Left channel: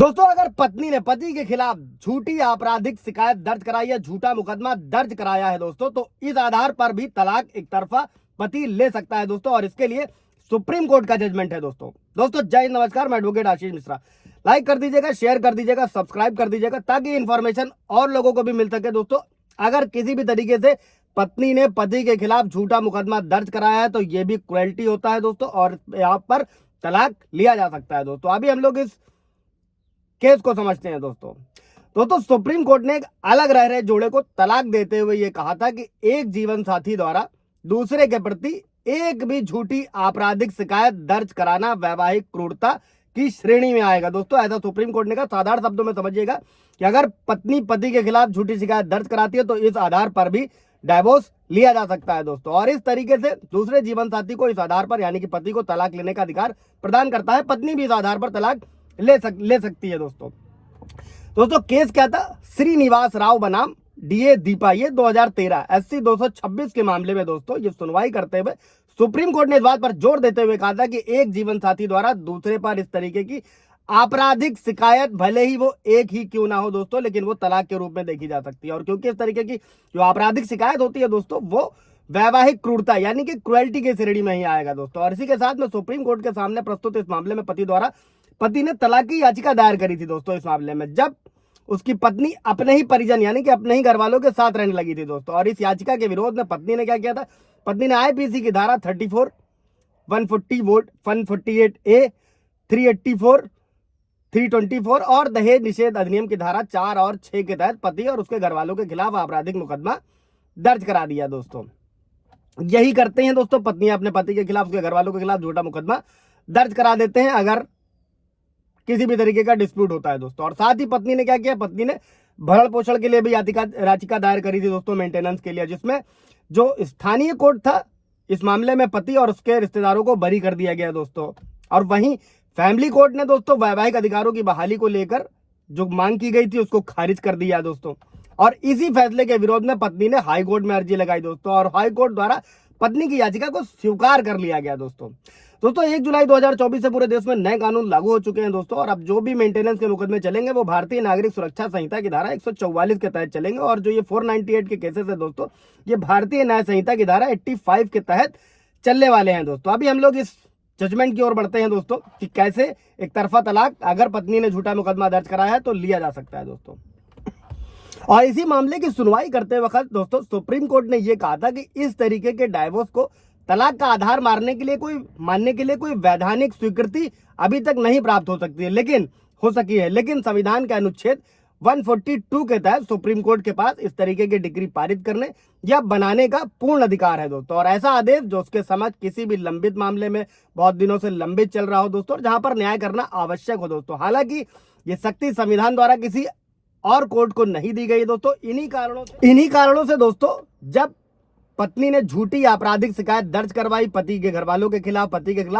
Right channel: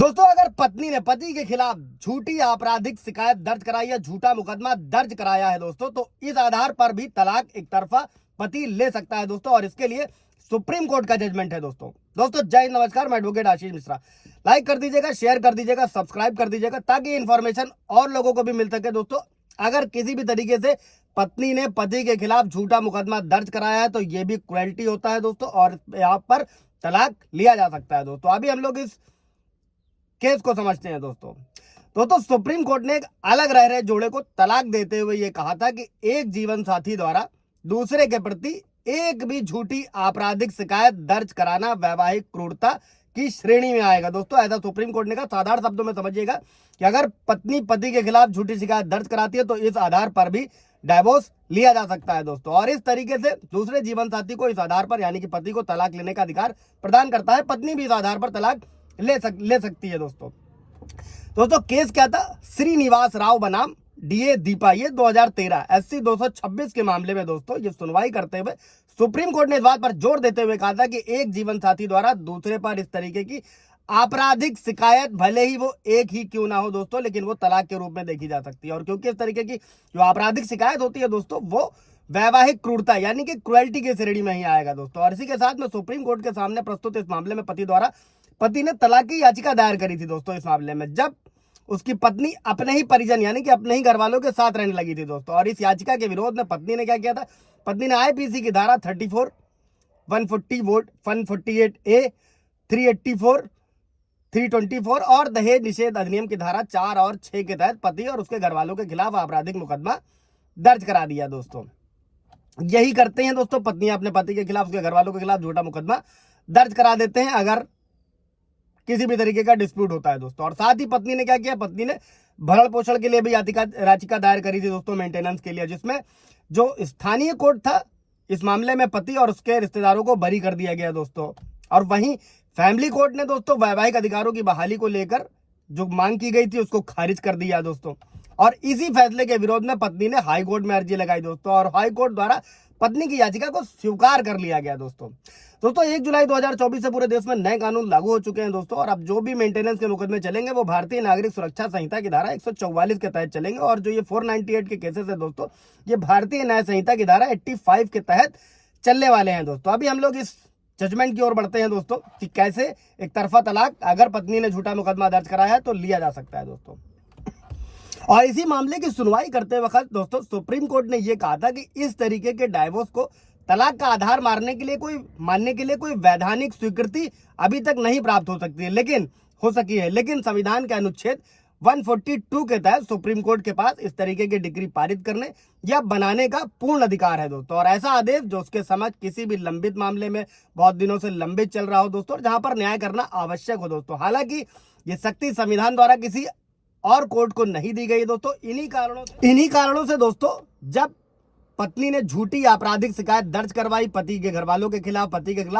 दोस्तों, अगर पत्नी ने पति के खिलाफ झूठी आपराधिक शिकायत दर्ज कराई या झूठा मुकदमा दर्ज कराया है दोस्तों, तो इस आधार पर भी तलाक एक तरफा पति ले सकता है दोस्तों। और इसके लिए सुप्रीम कोर्ट का जजमेंट है दोस्तों जय हिंद, नमस्कार। मैं एडवोकेट आशीष मिश्रा। लाइक कर दीजिएगा, शेयर कर दीजिएगा, सब्सक्राइब कर दीजिएगा ताकि इन्फॉर्मेशन और लोगों को भी मिल सके दोस्तों। अगर किसी भी तरीके से पत्नी ने पति के खिलाफ झूठा मुकदमा दर्ज कराया है तो ये भी क्रुएल्टी होता है दोस्तों, और यहाँ पर तलाक लिया जा सकता है दोस्तों। अभी हम लोग इस केस को समझते हैं दोस्तों सुप्रीम कोर्ट ने एक अलग रह रहे जोड़े को तलाक देते हुए ये कहा था कि एक जीवन साथी द्वारा दूसरे के प्रति एक भी झूठी आपराधिक शिकायत दर्ज कराना वैवाहिक क्रूरता की श्रेणी में आएगा दोस्तों। ऐसा सुप्रीम कोर्ट ने कहा। साधारण शब्दों में समझिएगा कि अगर पत्नी पति के खिलाफ झूठी शिकायत दर्ज कराती है तो इस आधार पर भी डाइवोर्स लिया जा सकता है दोस्तों। और इस तरीके से दूसरे जीवन साथी को इस आधार पर यानी कि पति को तलाक लेने का अधिकार प्रदान करता है। पत्नी भी इस आधार पर तलाक ले सकती है दोस्तों केस क्या था? श्रीनिवास राव बनाम डीए दीपा, ये 2013 SC 226 के मामले में दोस्तों ये सुनवाई करते हुए सुप्रीम कोर्ट ने इस बात पर जोर देते हुए कहा था कि एक जीवन साथी द्वारा दूसरे पर इस तरीके की आपराधिक शिकायत भले ही वो एक ही क्यों ना हो दोस्तों, लेकिन वो तलाक के रूप में देखी जा सकती है। और क्योंकि इस तरीके की जो आपराधिक शिकायत होती है दोस्तों वो वैवाहिक क्रूरता यानी कि क्रुएल्टी की श्रेणी में ही आएगा दोस्तों। और इसी के साथ में सुप्रीम कोर्ट के सामने प्रस्तुत इस मामले में पति ने तलाक की याचिका दायर करी थी दोस्तों। इस मामले में जब उसकी पत्नी अपने ही परिजन यानी कि अपने ही घर वालों के साथ रहने लगी थी दोस्तों। और इस याचिका के विरोध में पत्नी ने क्या किया था? पत्नी ने IPC की धारा 34, 140 वोट 148A, 384, 324 और दहेज निषेध अधिनियम की धारा 4 और 6 के तहत पति और उसके घर वालों के खिलाफ आपराधिक मुकदमा दर्ज करा दिया दोस्तों। यही करते हैं दोस्तों, पत्नी अपने पति के खिलाफ, उसके घर वालों के खिलाफ झूठा मुकदमा दर्ज करा देते हैं अगर किसी भी तरीके का डिस्प्यूट होता है दोस्तों। और साथ ही पत्नी ने क्या किया? पत्नी ने भरण पोषण के लिए भी याचिका दायर करी थी दोस्तों, मेंटेनेंस के लिए, जिसमें जो स्थानीय कोर्ट था इस मामले में पति और उसके रिश्तेदारों को बरी कर दिया गया दोस्तों। और वहीं फैमिली कोर्ट ने दोस्तों वैवाहिक अधिकारों की बहाली को लेकर जो मांग की गई थी उसको खारिज कर दिया दोस्तों। और इसी फैसले के विरोध में पत्नी ने हाई कोर्ट में अर्जी लगाई दोस्तों, और हाई कोर्ट द्वारा पत्नी की याचिका को स्वीकार कर लिया गया दोस्तों। 1 जुलाई 2024 से पूरे देश में नए कानून लागू हो चुके हैं दोस्तों। और अब जो भी मेंटेनेंस के मुकदमे चलेंगे वो भारतीय नागरिक सुरक्षा संहिता की धारा 144 के तहत चलेंगे। और जो ये 498 के केसेस है दोस्तों, ये भारतीय न्याय संहिता की धारा 85 के तहत चलने वाले हैं दोस्तों। अभी हम लोग इस जजमेंट की ओर बढ़ते हैं दोस्तों कि कैसे एक तरफा तलाक अगर पत्नी ने झूठा मुकदमा दर्ज कराया है तो लिया जा सकता है दोस्तों। और इसी मामले की सुनवाई करते वक्त दोस्तों सुप्रीम कोर्ट ने यह कहा था कि इस तरीके के डाइवोर्स को तलाक का आधार मानने के लिए कोई वैधानिक स्वीकृति अभी तक नहीं प्राप्त हो सकी है। लेकिन संविधान के अनुच्छेद 142 के तहत सुप्रीम कोर्ट के पास इस तरीके की डिग्री पारित करने या बनाने का पूर्ण अधिकार है दोस्तों। और ऐसा आदेश जो उसके समक्ष किसी भी लंबित मामले में बहुत दिनों से लंबित चल रहा हो दोस्तों, और जहां पर न्याय करना आवश्यक हो दोस्तों। हालांकि ये शक्ति संविधान द्वारा किसी और कोर्ट को नहीं दी गई दोस्तों। इन्हीं कारणों से दोस्तों जब पत्नी ने झूठी आपराधिक शिकायत दर्ज करवाई पति के घर वालों के खिलाफ,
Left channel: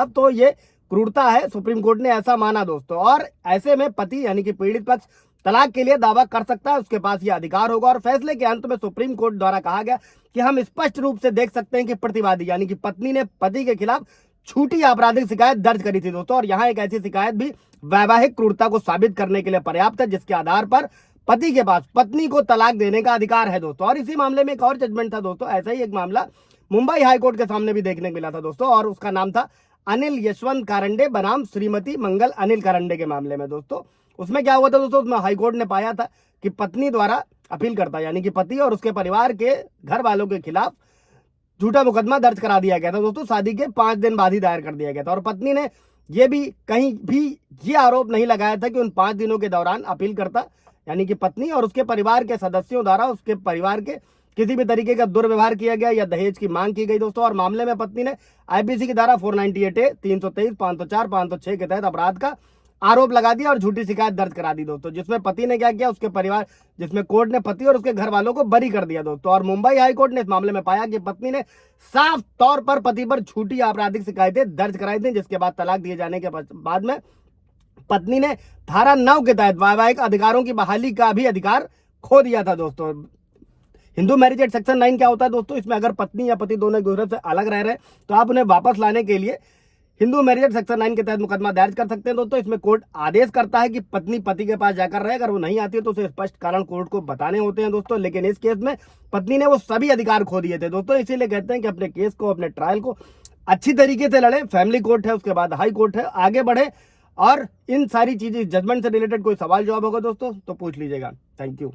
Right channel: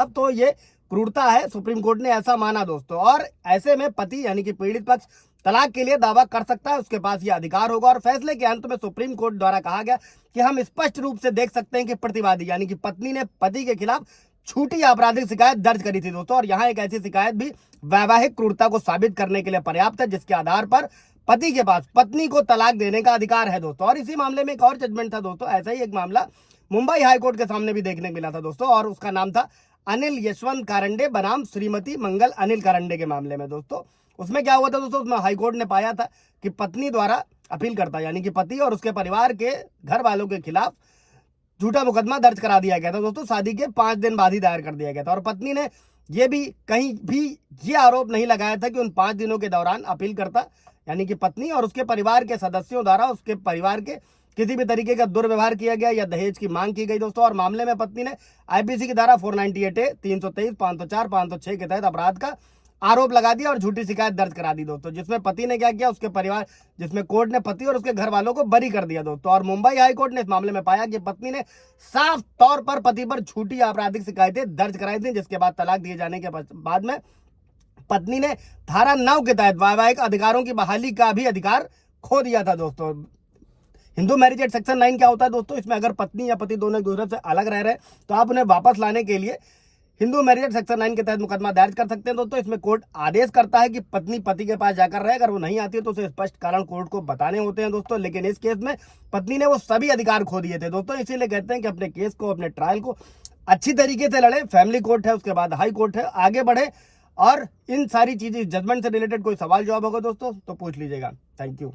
तो ये क्रूरता है, सुप्रीम कोर्ट ने ऐसा माना दोस्तों। और ऐसे में पति यानी कि पीड़ित पक्ष तलाक के लिए दावा कर सकता है, उसके पास ये अधिकार होगा। और फैसले के अंत में सुप्रीम कोर्ट द्वारा कहा गया कि हम स्पष्ट रूप से देख सकते हैं कि प्रतिवादी यानी कि पत्नी ने पति के खिलाफ झूठी आपराधिक शिकायत दर्ज करी थी दोस्तों। और यहाँ एक ऐसी शिकायत भी वैवाहिक क्रूरता को साबित करने के लिए पर्याप्त है जिसके आधार पर पति के पास पत्नी को तलाक देने का अधिकार है दोस्तों। और इसी मामले में एक और जजमेंट था दोस्तों, ऐसा ही एक मामला मुंबई हाई कोर्ट के सामने भी देखने को मिला था दोस्तों। और उसका नाम था अनिल यशवंत कारंडे बनाम श्रीमती मंगल अनिल कारंडे के मामले में दोस्तों। उसमें क्या हुआ था दोस्तों? उसमें हाई कोर्ट ने पाया था कि पत्नी द्वारा अपील करता यानी कि पति और उसके परिवार के घर वालों के खिलाफ झूठा मुकदमा दर्ज करा दिया गया था दोस्तों। शादी के 5 दिन बाद ही दायर कर दिया गया था। और पत्नी ने यह भी कहीं भी ये आरोप नहीं लगाया था कि उन 5 दिनों के दौरान अपील करता यानी कि पत्नी और उसके परिवार के सदस्यों द्वारा उसके परिवार के किसी भी तरीके का दुर्व्यवहार किया गया या दहेज की मांग की गई दोस्तों। और मामले में पत्नी ने IPC की धारा 498A, 323, 504, 506 के तहत अपराध का आरोप लगा दिया और झूठी शिकायत दर्ज करा दी दोस्तों, जिसमें पति ने क्या किया? उसके परिवार जिसमें कोर्ट ने पति और उसके घर वालों को बरी कर दिया दोस्तों। और मुंबई हाई कोर्ट ने इस मामले में पाया कि पत्नी ने साफ तौर पर पति पर झूठी आपराधिक शिकायतें दर्ज कराई थी, जिसके बाद तलाक दिए जाने के बाद में पत्नी ने धारा 9 के तहत वैवाहिक अधिकारों की बहाली का भी अधिकार खो दिया था दोस्तों। हिंदू मैरिज एक्ट सेक्शन 9 क्या होता है दोस्तों? इसमें अगर पत्नी या पति दोनों एक दूसरे से अलग रह रहे तो आप उन्हें वापस लाने के लिए हिंदू मैरिज सेक्शन 9 के तहत मुकदमा दर्ज कर सकते हैं दोस्तों। इसमें कोर्ट आदेश करता है कि पत्नी पति के पास जाकर रहे, अगर वो नहीं आती है तो उसे स्पष्ट कारण कोर्ट को बताने होते हैं दोस्तों। लेकिन इस केस में पत्नी ने वो सभी अधिकार खो दिए थे दोस्तों, इसीलिए कहते हैं कि अपने केस को, अपने ट्रायल को अच्छी तरीके से लड़े। फैमिली कोर्ट है, उसके बाद हाई कोर्ट है, आगे बढ़े। और इन सारी चीजें, जजमेंट से रिलेटेड कोई सवाल जवाब होगा दोस्तों तो पूछ लीजिएगा। Thank you.